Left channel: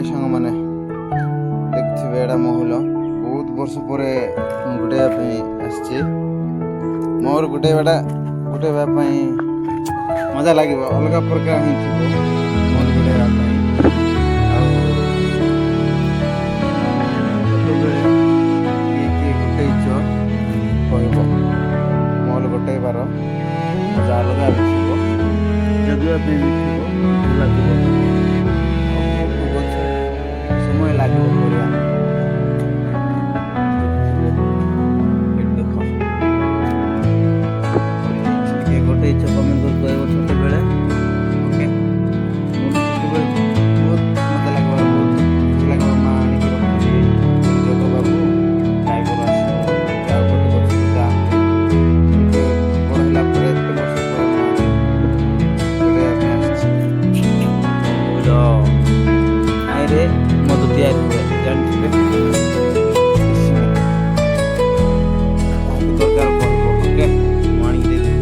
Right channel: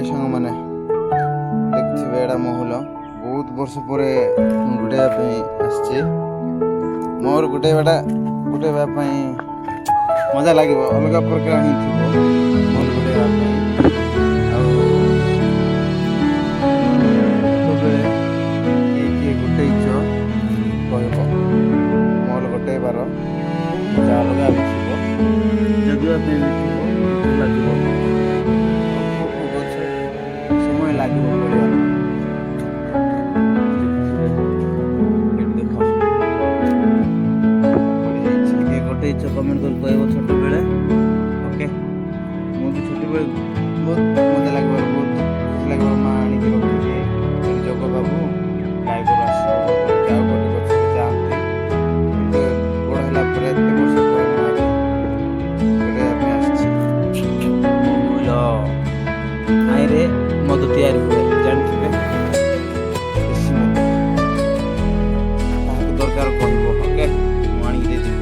हाय सांग मैंने देखिए एड़ा महुल बहुत वर्ष पर गुड़ाई आसचे मोर गुटेबाटा गुटेबाई मजा लगे अलग प्रकार ही थी मोर गुड़ाई आते किए गुटेच कह मोल गुटेबार मजा अलग भी थी जगवाई भी थी लगे समय लगे पड़ा देख गोटे कमेंट कर कह छोट बेले ओके मुझे छोट बेले बहुत मजा लगे बहुत खुशी लगे माँ आणिक रखी जग बाबू गाय गोर आस गोटे गच जाती बड़ है एत वर्ष पर मुझे आईरे मद तैयारी हुए जानते देसी मद दरकार कह ओके मुझे दे